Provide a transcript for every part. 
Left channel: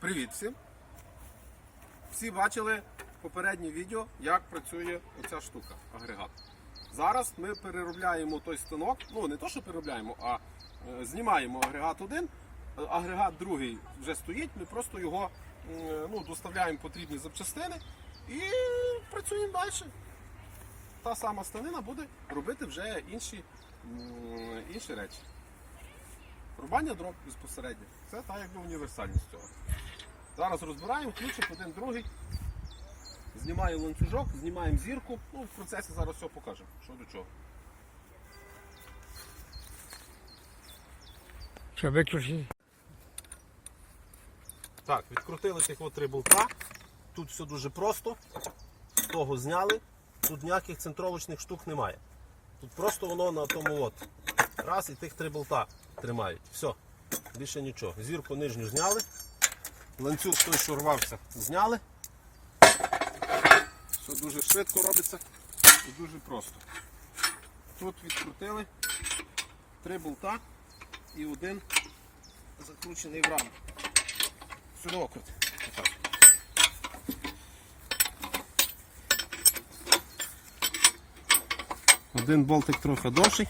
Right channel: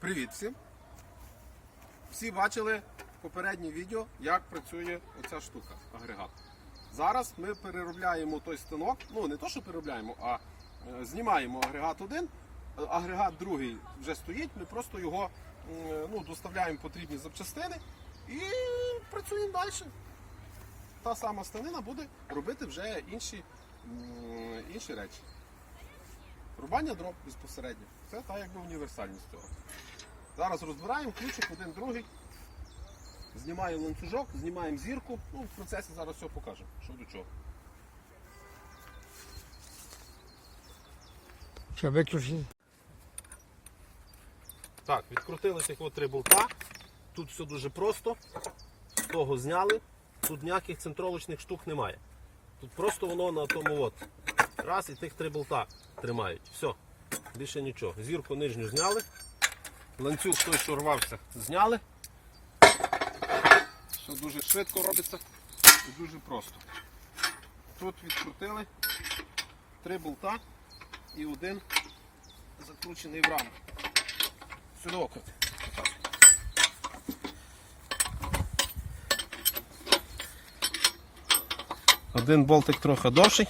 Привіт всім! Всі бачили попереднє відео, як працює оця штука, агрегат. Зараз ми переробляємо той станок, ну не то, що переробляємо, а е, знімаємо агрегат один, е, агрегат другий вже стоїть, ми просто його е, ну, доставляємо потрібні запчастини і працюємо далі. Та сама станина буде робити вже інші, м, інші речі. Рубання дров безпосередньо. Це та якби універсальність цього. Зараз розбираємо ключик один, другий. Знімаємо ланцюжок, знімаємо зірку. Ну, в процесі зараз все покажемо, що до чого. Що виключити? Так, відкрутили тих три болта. Тут все дуже просто. Того зняли. Тут ніяких центровочних штук немає. Тут просто воно на тому от. Раз і тих три болта тримають. Все. Більше нічого. Зірку нижню зняли. Ланцюг той, що рвався, зняли. Все дуже швидко робиться і дуже просто. Тут відкрутили три болта і один закручений в раму. Сюди окрути. Отак. Один болтик трохи довший.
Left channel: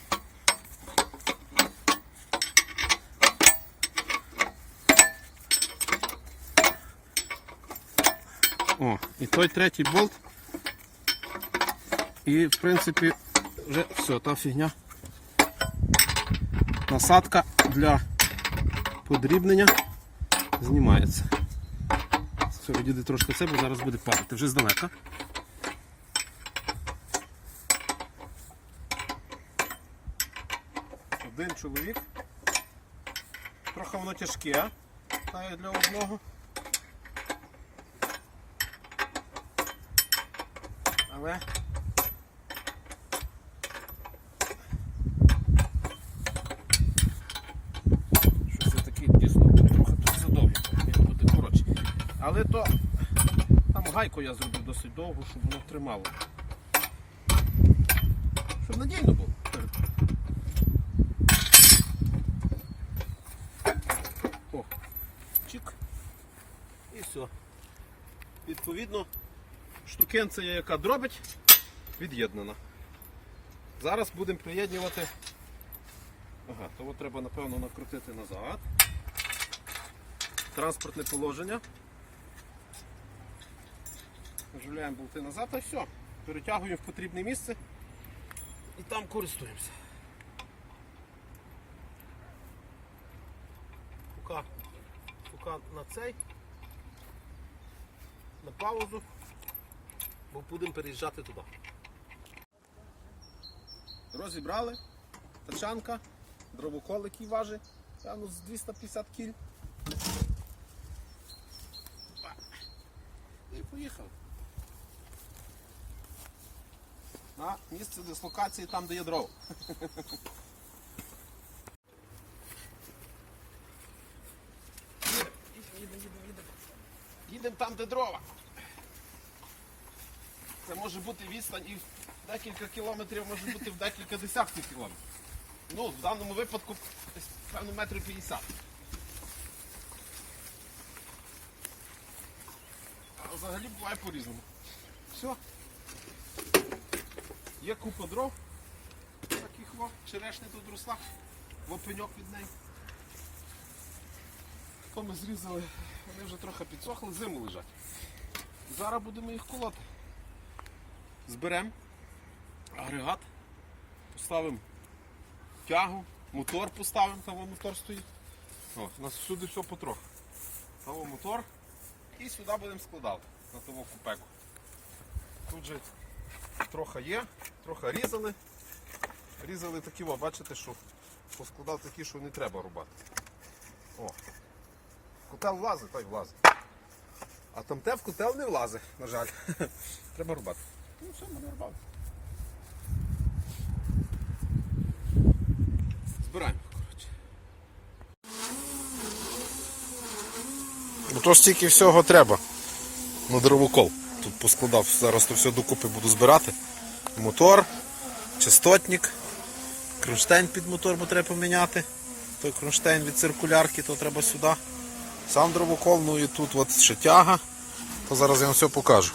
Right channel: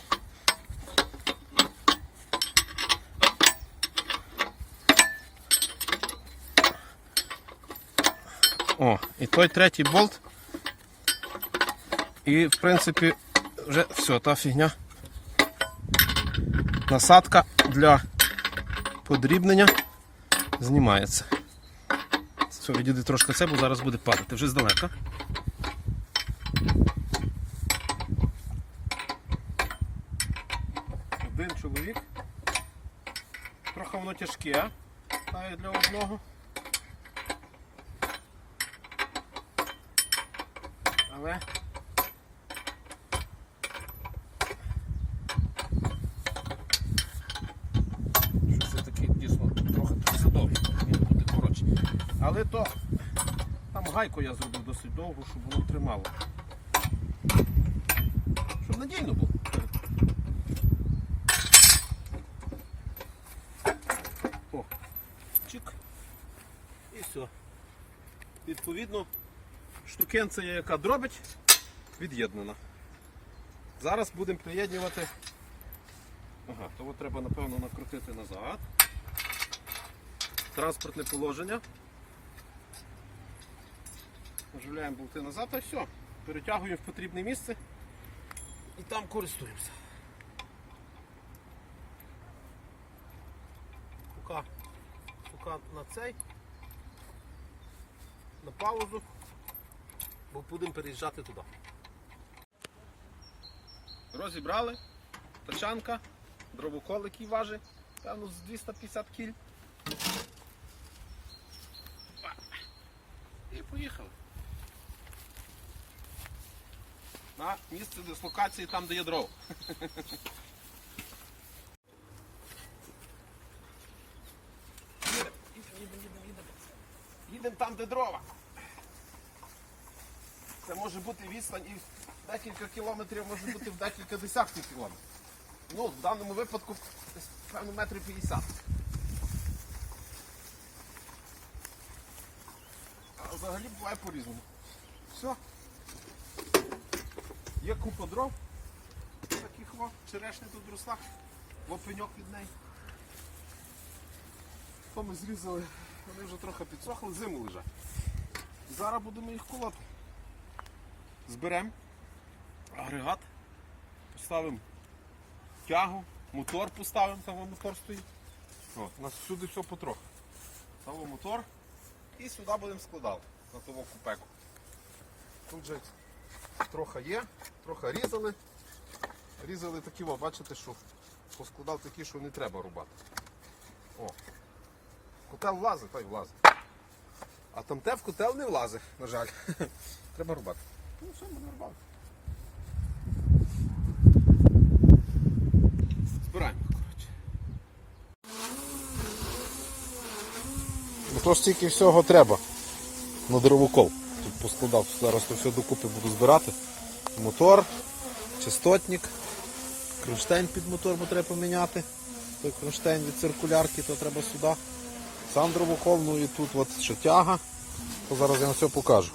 Той третій болт. І в принципі вже все, та фігня. Насадка для подрібнення знімається. Все, відійди трошки це, бо зараз буде падати. Вже здалека. Один чоловік. Трохи воно тяжке, та для одного. Але Щось я таке дійсно трохи тут. Він буде коротше. Але то там гайку я зробив досить довго, щоб воно тримало. Щоб надійно було. О, чик. І все. Відповідно, штукенція, яка дробить, від'єднана. Зараз будемо приєднувати Ага, то от треба напевно накрутити назад. Транспортне положення. Наживляємо болти назад і все. Перетягуємо в потрібне місце і там користуємося. Поки, поки на цей, на паузу, бо будемо переїжджати туди. Розібрали, тачанка, дровокол, який важить, певно, з 250 кіль. І поїхали. На місце дислокації там, де є дров. Їдемо, їдемо, їдемо, їдемо, там, де дрова. Це може бути відстань і в декілька кілометрів, може бути в декілька десятків кілометрів. Ну, в даному випадку певно метрів 50. А взагалі буває по-різному. Все. Є купа дров. Таких во, черешня тут росла. Во пеньок від неї. То ми зрізали, вони вже трохи підсохли, зиму лежать. Зараз будемо їх колоти. Зберемо агрегат, поставимо тягу, мотор поставимо, там мотор стоїть. От, у нас всюди все потроху. Там мотор і сюди будемо складати на того купеку. Тут же трохи є, трохи різали. Різали такі, о, бачите, що поскладав такі, що не треба рубати. О. Котел влазить, та й влазить. А там те в котел не влазить, на жаль. Треба рубати. Ну все, ми рубали. Збираємо, коротше. Бо то стільки всього треба на дровокол. Тут поскладав, зараз то все докупи буду збирати. Мотор, частотник, кронштейн під мотор бо треба поміняти. Той кронштейн від циркулярки, то треба сюди. Сам дровокол, ну і тут от ще тяга. То зараз я вам все покажу.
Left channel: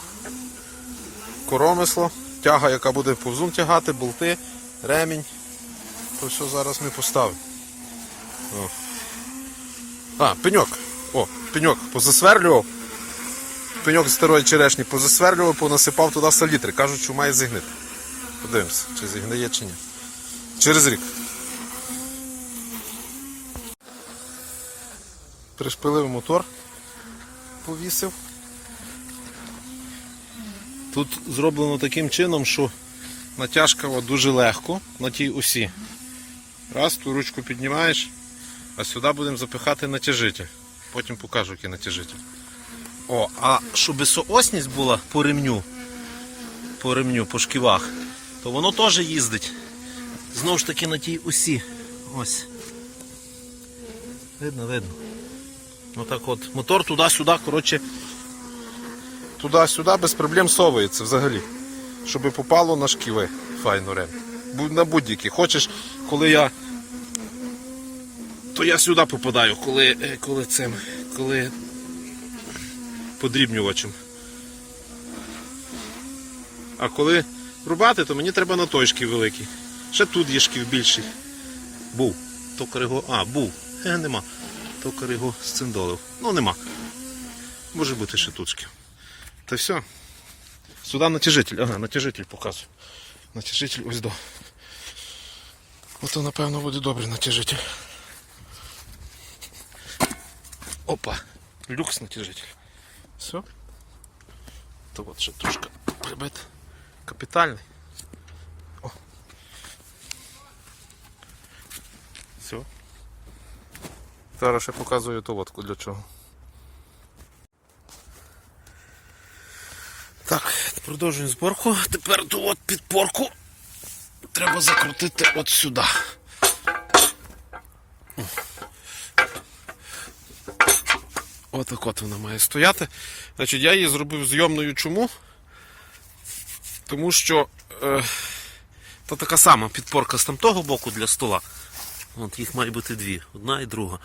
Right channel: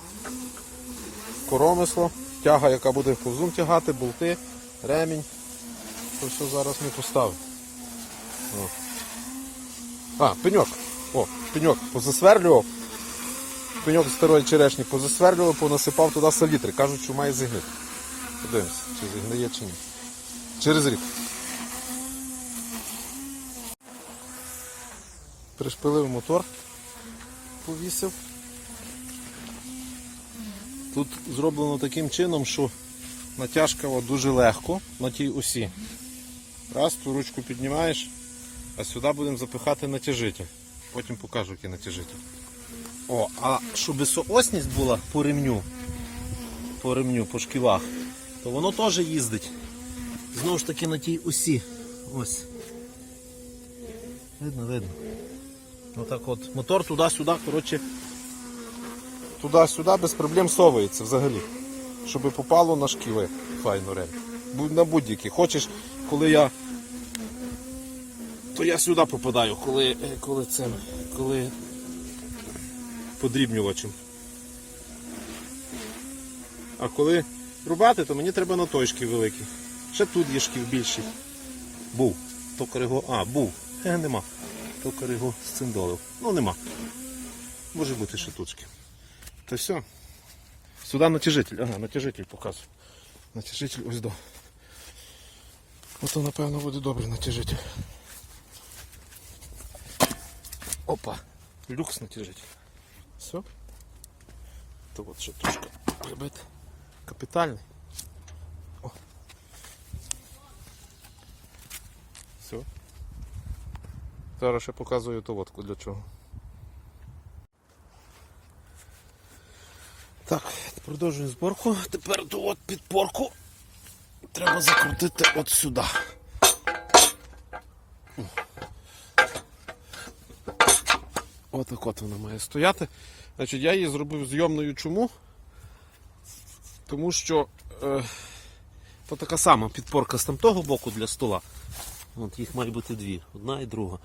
Коромисло, тяга, яка буде повзун тягати, болти, ремінь. То все зараз ми поставимо. А, пеньок. О, пеньок позасверлював. Пеньок з старої черешні позасверлював, понасипав туди салітри. Кажуть, що має зігнити. Подивимося, чи зігниє, чи ні. Через рік. Пришпилив мотор, повісив. Тут зроблено таким чином, що натяжка дуже легко на тій осі. Раз, ту ручку піднімаєш, а сюди будемо запихати натяжитель. Потім покажу, який натяжитель. О, а щоб висоосність була по ремню, по ремню, по шківах, то воно теж їздить. Знову ж таки на тій осі. Ось. Видно, видно. Отак от. Мотор туди-сюди, коротше. Туди-сюди без проблем совується взагалі. Щоб попало на шківи. Файно рем. На будь-які. Хочеш, коли я. То я сюди попадаю, коли, е, коли цим. Коли подрібнювачем. А коли рубати, то мені треба на той шків великий. Ще тут є шків більший. Був. Токар його. А, був. Е, нема. Токар його сциндолив. Ну нема. Може бути ще тут шків. Та все. Сюди натяжитель. Ага, натяжитель показую. Натяжитель ось до. Ото напевно буде добрий натяжитель. Опа. Люкс натяжитель. Все. То от ще трошки прибит. Капітальний. О. Все. Зараз ще показую ту водку для чого. Так, продовжуємо зборку. Тепер ту от підпорку треба закрутити от сюди. Отак от вона має стояти. Значить, я її зробив зйомною чому? Тому що е, то така сама підпорка з тамтого боку для стола. От їх має бути дві, одна і друга.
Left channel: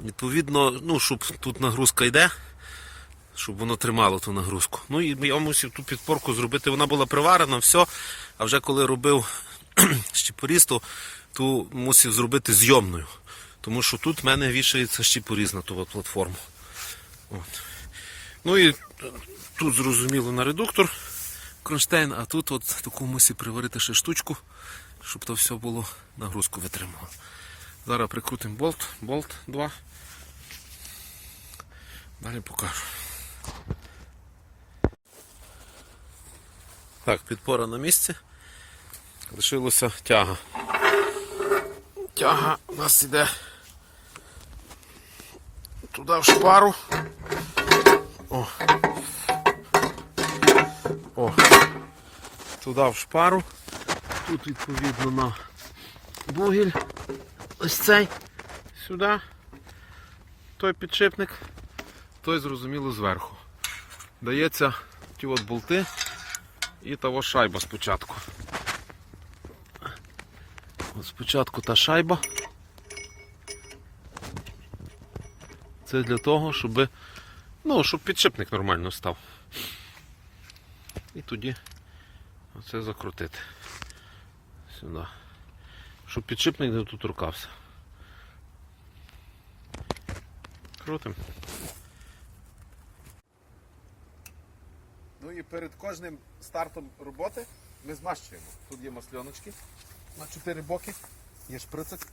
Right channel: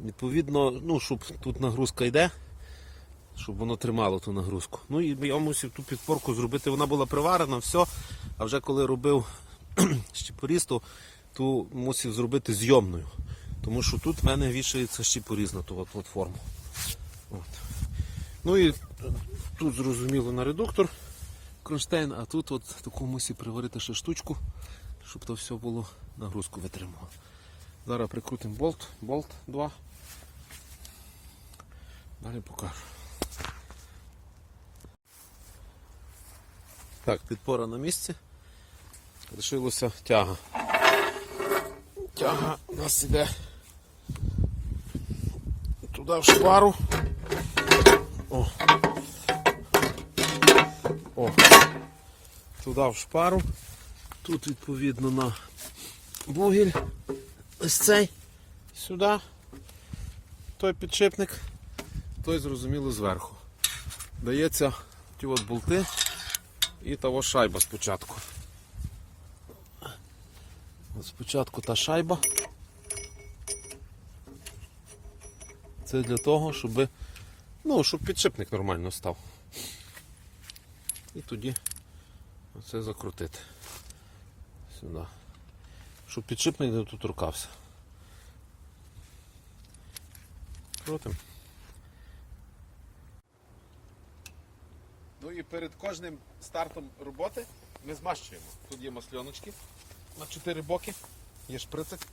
Відповідно, ну, щоб тут нагрузка йде, щоб воно тримало ту нагрузку. Ну і я мусив ту підпорку зробити. Вона була приварена, все. А вже коли робив щепоріз, то мусив зробити зйомною. Тому що тут в мене вішається щепоріз на ту платформу. От. Ну і тут зрозуміло на редуктор кронштейн, а тут от таку мусі приварити ще штучку, щоб то все було нагрузку витримало. Зараз прикрутимо болт, болт 2. Далі покажу. Так, підпора на місці. Лишилося тяга. Тяга у нас іде туди в шпару. О. О. Туди в шпару. Тут відповідно на бугіль. Ось цей. Сюди. Той підшипник, той зрозуміло зверху. Дається ті от болти і того шайба спочатку. От спочатку та шайба. Це для того, щоб, ну, щоб підшипник нормально став. І тоді оце закрутити. Сюди. Щоб підшипник не тут рукався. Крутим. Ну і перед кожним стартом роботи ми змащуємо. Тут є масльоночки на чотири боки, є шприцик,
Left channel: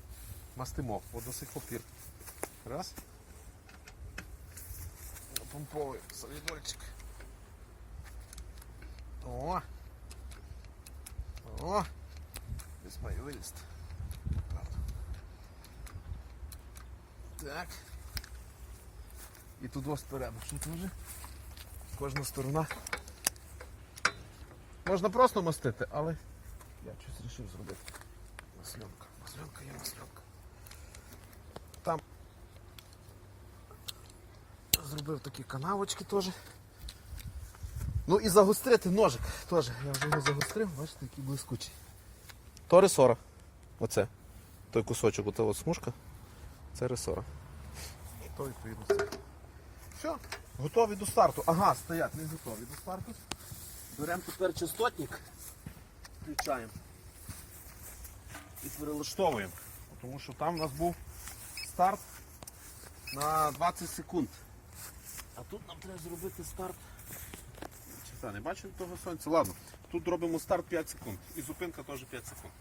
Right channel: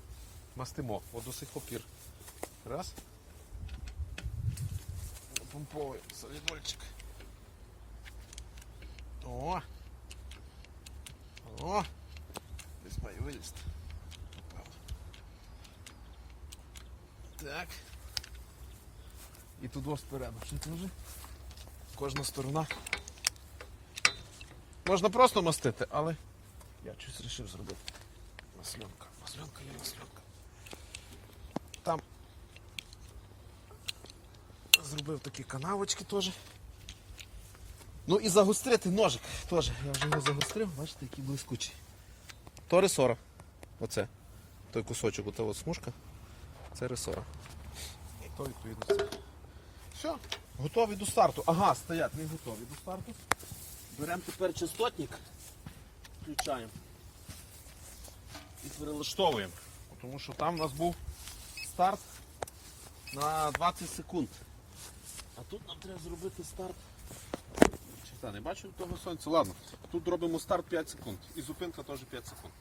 мастимо водосих папір. Раз. Помповуємо солідольчик. О! О! Десь має вилізти. Так. І тут ось спереду. Кожна сторона. Можна просто мастити, але я щось вирішив зробити. Маслянка. Маслянка є маслянка. Там зробив такі канавочки теж. Ну і загострити ножик теж. Я вже його загострив, бачите, який блискучий. То ресора. Оце. Той кусочок, ота от смужка. Це ресора. І то відповідно. Все, готові до старту. Ага, стоять, не готові до старту. Беремо тепер частотник, включаємо і перелаштовуємо. Тому що там у нас був старт на 20 секунд. А тут нам треба зробити старт. Чиста, не бачу того сонця. Ладно, тут робимо старт 5 секунд. І зупинка теж 5 секунд.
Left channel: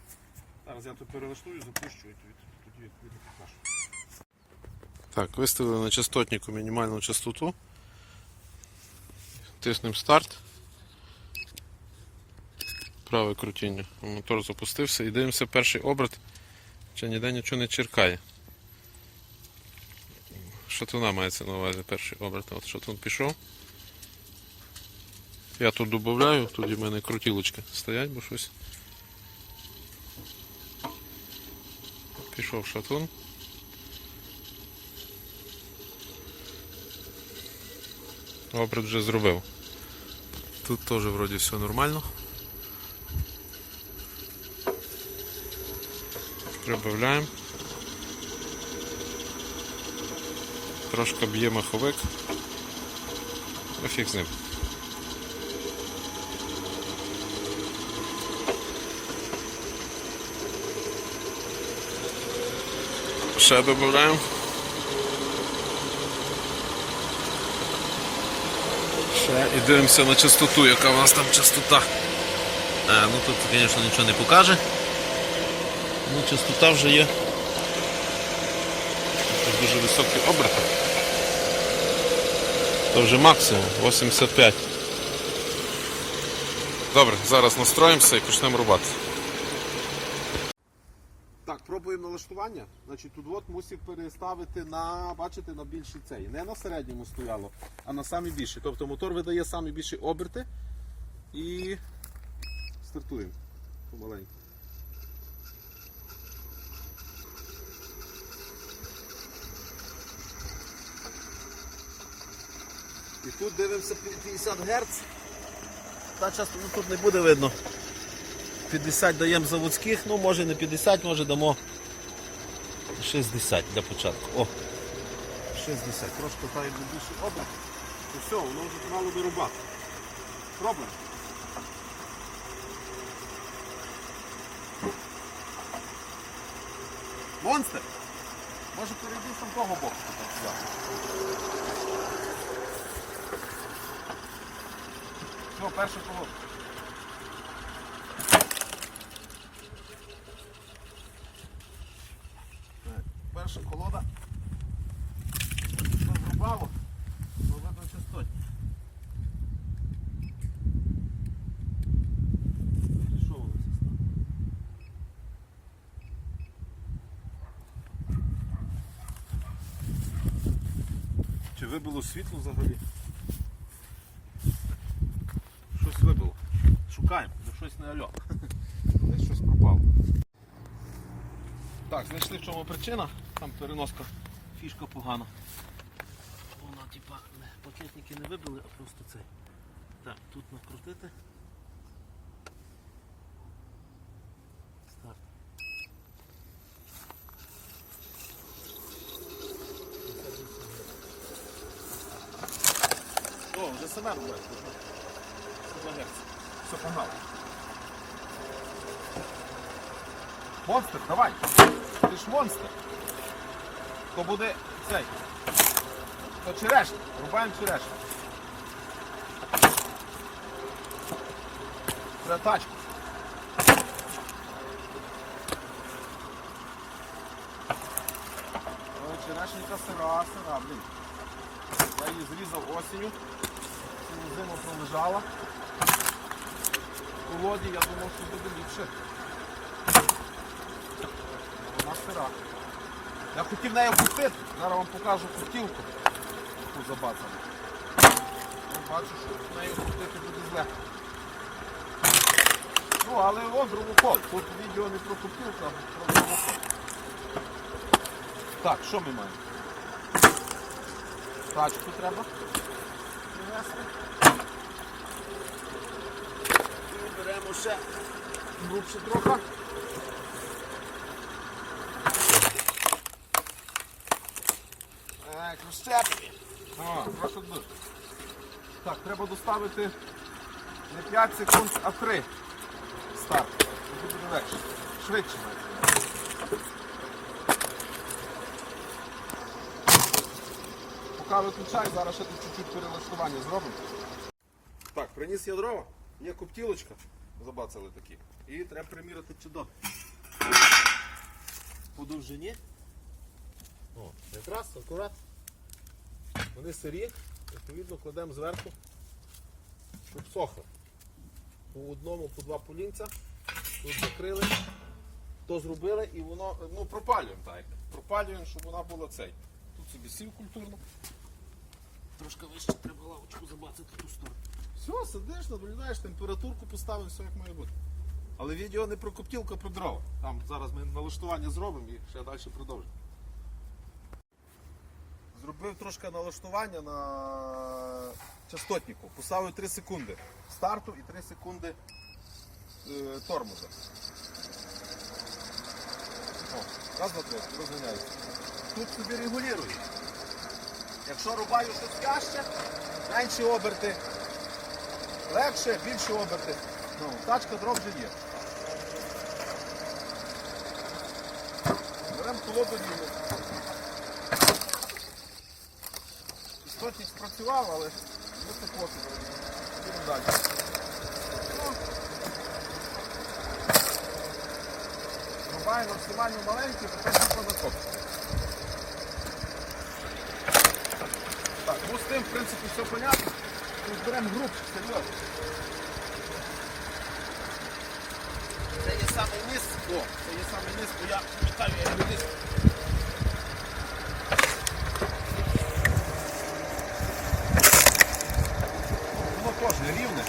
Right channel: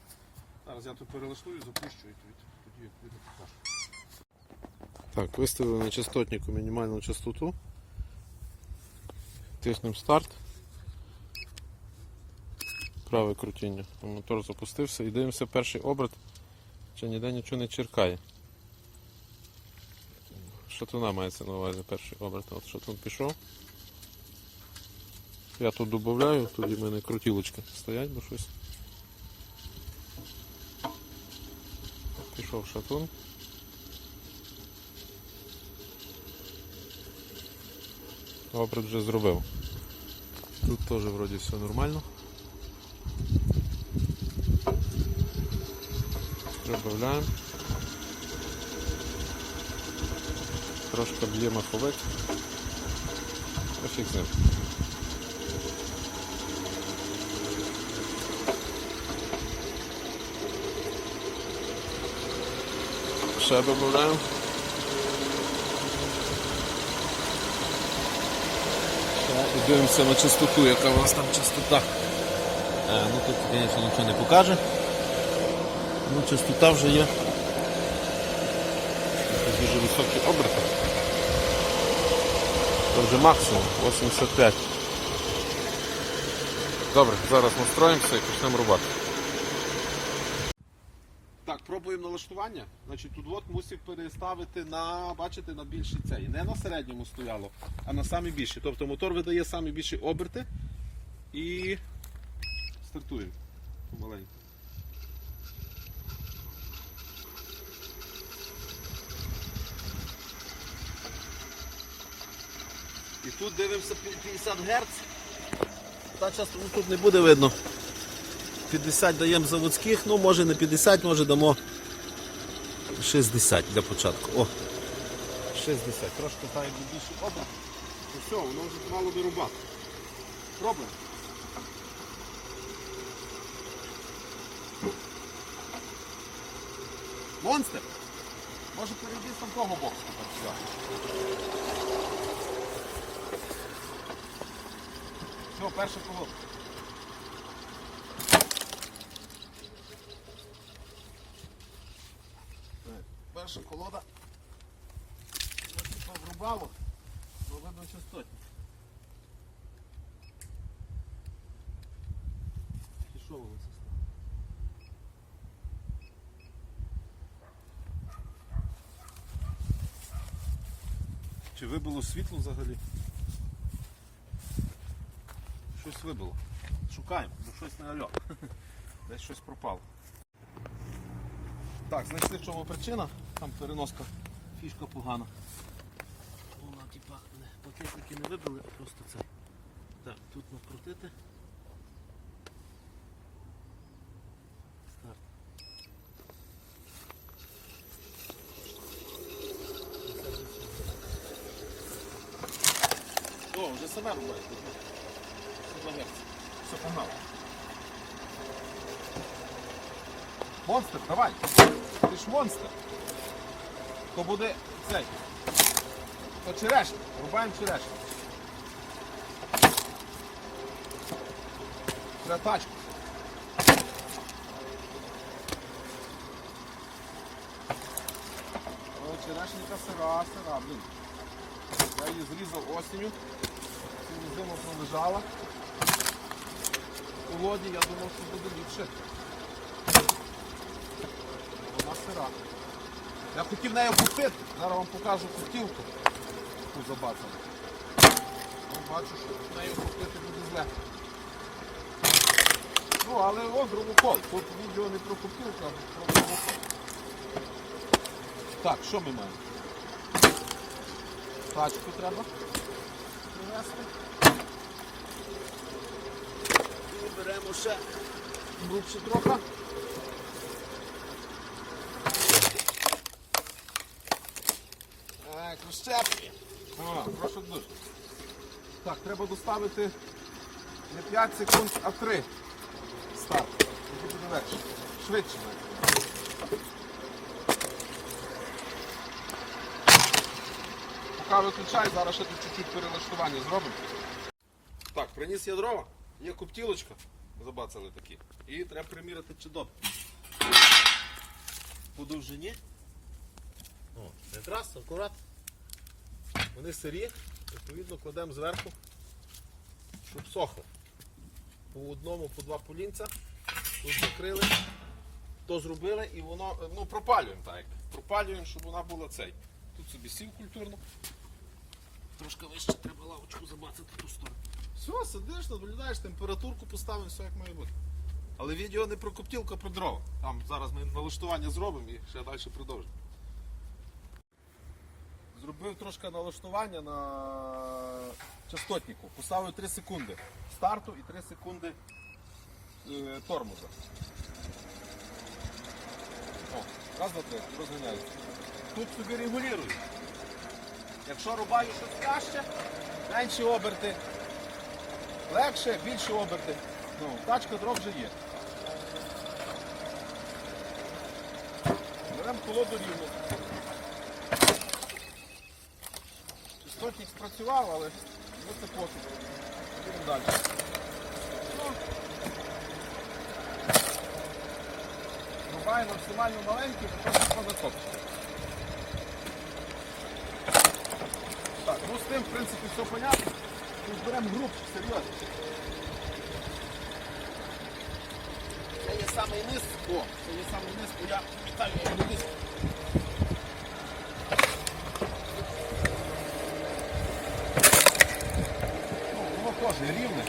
Зараз я тут перелаштую, запущу і тоді відповідно покажу. Так, виставили на частотнику мінімальну частоту. Тиснемо старт. Праве крутіння. Мотор запустився і дивимося перший оберт. Чи ніде нічого не черкає. Шатуна мається на увазі перший оберт. От шатун пішов. Я тут додаю, тоді в мене крутілочки стоять, бо щось. Пішов шатун. Оберт вже зробив. Тут теж вроді все нормально. Прибавляємо. Трошки б'є маховик. Фіг з ним. Ще додаємо. Ще і дивимося на частоту, яка у нас там частота. А, ну тут, звісно, нічого не покаже. Ну, частота вже є. Тут дуже високі оберти. То вже максимум 85. Добре, зараз настроїмося і почнемо рубати. Так, пробуємо налаштування. Значить, тут от мусив переставити на, бачите, на більший цей. Не на середньому стояло, а на самі більший. Тобто мотор видає самі більші оберти і стартуємо помаленьку. І тут дивимося 50 Гц. Та часто ну, тут не буде видно. 50 даємо заводських, ну може не 50, може дамо 60 для початку. О! 60. Трошки так якби більше оберт. І все, воно вже мало би рубати. Пробуємо. Монстр! Може перейди з того боку. тепер сюди. Все, перша колодка. Перша колода. Ось тут врубало, но видно частотні. Чи вибило світло взагалі? Щось вибило. Шукаємо, бо щось не альо. Десь щось пропало. Так, знайшли в чому причина. Там переноска фішка погана. Вона типа пакетники не вибили, а просто це. Так, тут накрутити. Старт. О, вже саме робить. Все, погнали. Монстр, давай! Ти ж монстр. То буде цей. То черешня. Рубаємо черешню. Треба тачку. Ой, черешенька сира, сира, блін. Я її зрізав осінню. Цілу зиму пролежала. Колоді я думав, що буде ліпше. Вона сира. Я хотів нею купити, зараз вам покажу кутілку. Таку забацану. Ну, бачу, що нею купити буде зле. Ну, але ось дровокол. Тут відео не про купілку, а про дровокол. Так, що ми маємо? Тачку треба привезти. І беремо ще грубше трохи. Так, розчеплюємо. А, прошу дуже. Так, треба доставити не 5 секунд, а 3. Старт. Тоді буде легше. Швидше. Поки виключай, зараз ще тут чуть-чуть перелаштування зробимо. Так, приніс я дрова, є коптілочка, забацали такі. І треба приміряти чи добре. По довжині. О, якраз акурат. Вони сирі, відповідно кладемо зверху, щоб сохли. По одному, по два полінця. Тут закрили, то зробили і воно, ну, пропалюємо так. Пропалюємо, щоб вона була цей. Тут собі сів культурно. Трошки вище треба лавочку забацати ту сторону. Все, сидиш, наблюдаєш, температурку поставив, все як має бути. Але відео не про коптілку, а про дрова. Там зараз ми налаштування зробимо і ще далі продовжимо. Зробив трошки налаштування на частотнику. Поставив 3 секунди старту і 3 секунди е, тормоза. О, раз, два, три, розганяється. Тут собі регулюю. Якщо рубаю щось тяжче, менші оберти. Легше, більші оберти. Ну, тачка дров вже є. Беремо колоду рівну. Істотник спрацював, але це пофіг. Їдемо далі. Ну, максимально маленький, потім позакопчити. Так, ну з тим, в принципі, все понятно. Ми груп, серьезно. серйозно. Це є саме. О, це є саме низ, бо я вітаю, я низ. Ну, Воно кожне рівне.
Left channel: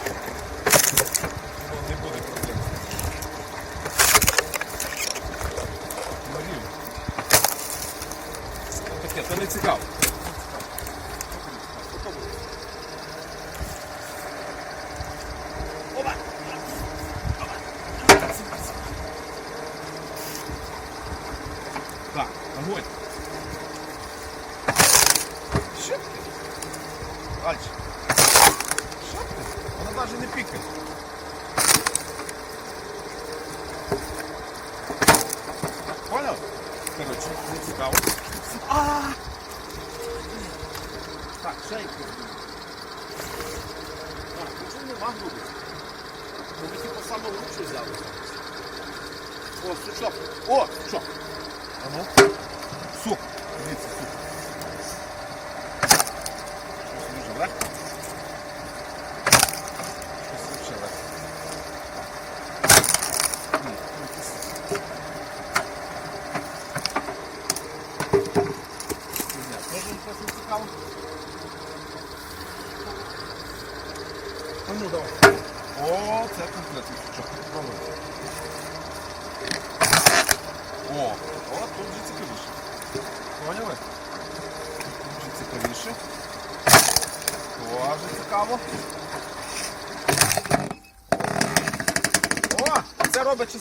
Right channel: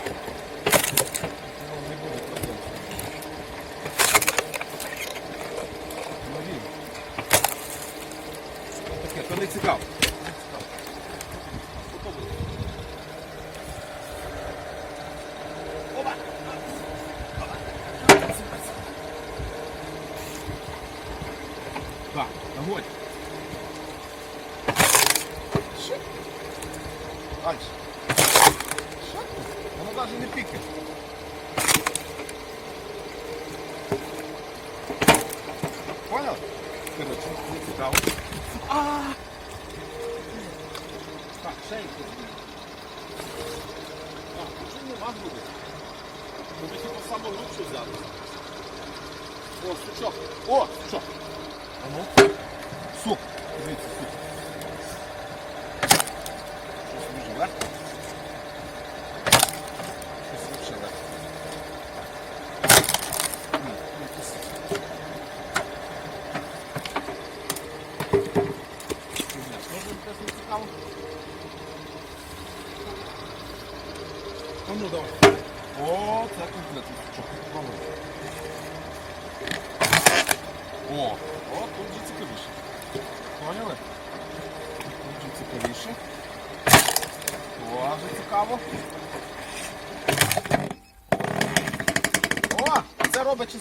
kalsın.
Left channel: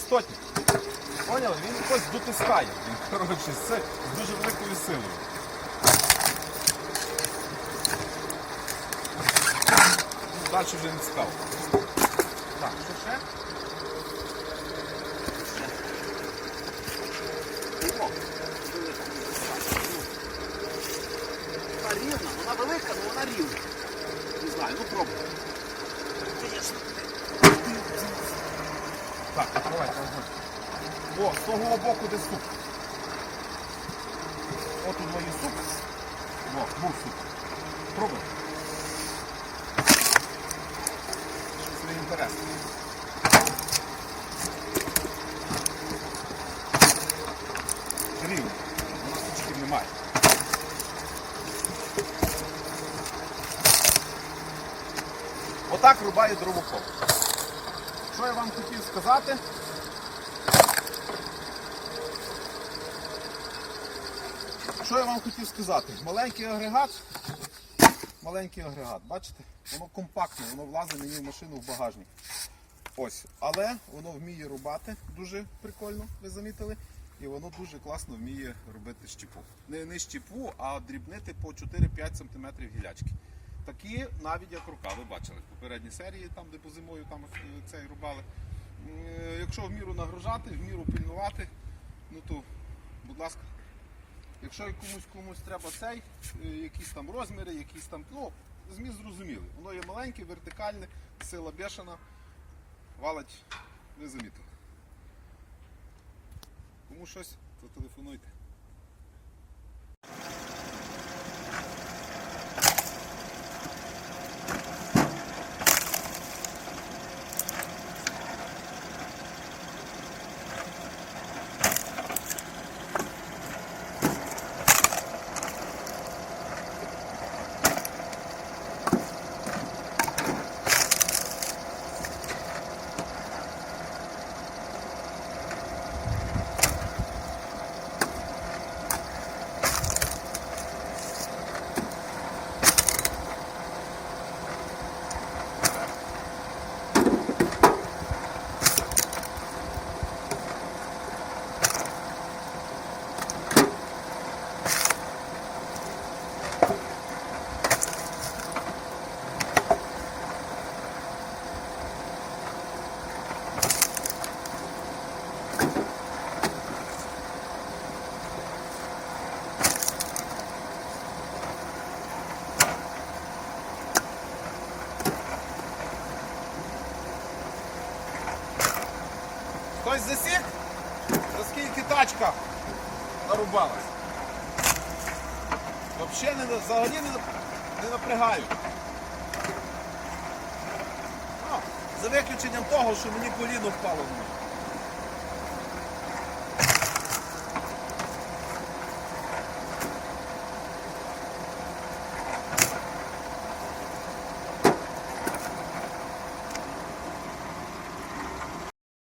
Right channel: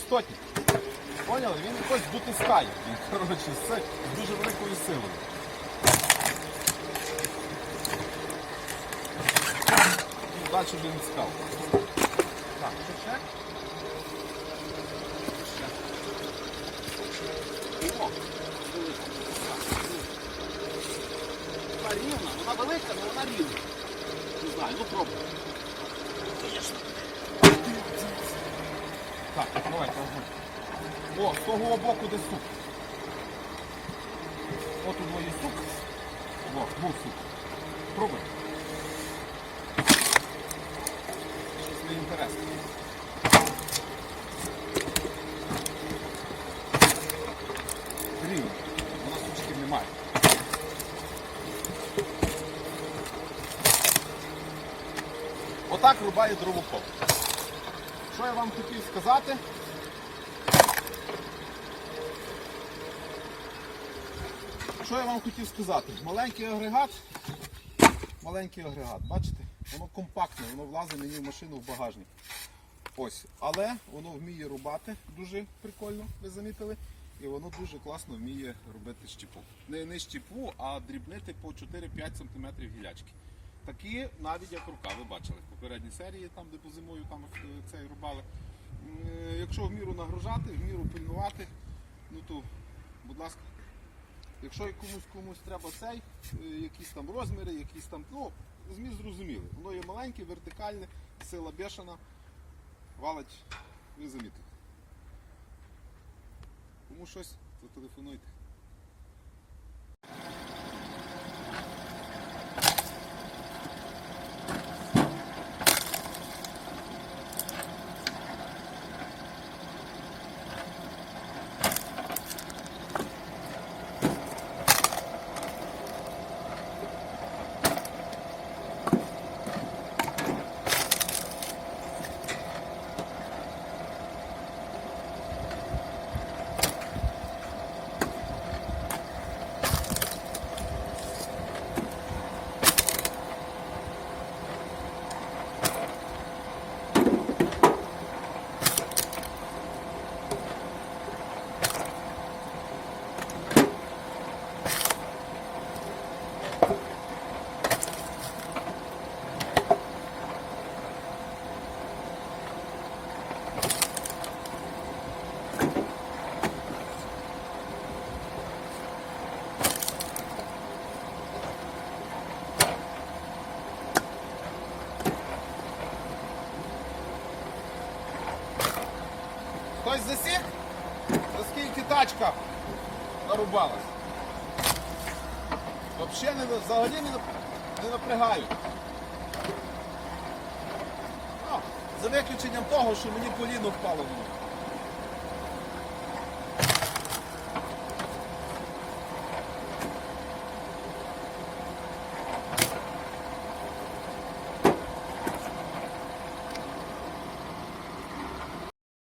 Це. Поняли? Він якось дотискає. Він, коротше, з, дуже великою силою. Далі вже не цікаво. Так, що ще? О, велика. Рівна, вона велика, але вона рівна. Не знаю, ну пробуй. Так, давайте огонь. О, з того боку де суп. От у двоє суп. О, був суп. Пробуй. Щось не інтересно. Рівно. У нас сучків немає. Отак рубає дровокол. Що я вам хотів сказати? Що я вам хотів сказати? Маленький агрегат. Маленький агрегат, бачите? Воно компактне, воно влазить мені в машину в багажник. Ось, але воно вміє рубати дуже прикольно, ви замітили. І воно дуже класно вміє робити щепу. Не, не щепу, а дрібнити по 4-5 см гілячки. Такі навіть як рука, ви бачили в попередній серії, там де по зимою там е, цей рубали. Е, Якщо в міру нагружати, в міру пильнувати, ну то, будь ласка, якщо комусь комусь треба цей, е, якісь там розміри, якісь там, ну, зміст зрозумілий. Воно є маленьке, вертикальне, сила бешена, валить, ви замітили. Кому щось, то Хтось засік? Наскільки тачка нарубалась? Взагалі не, взагалі не, напрягаю. Ну, за виключенням того, що мені коліно впало.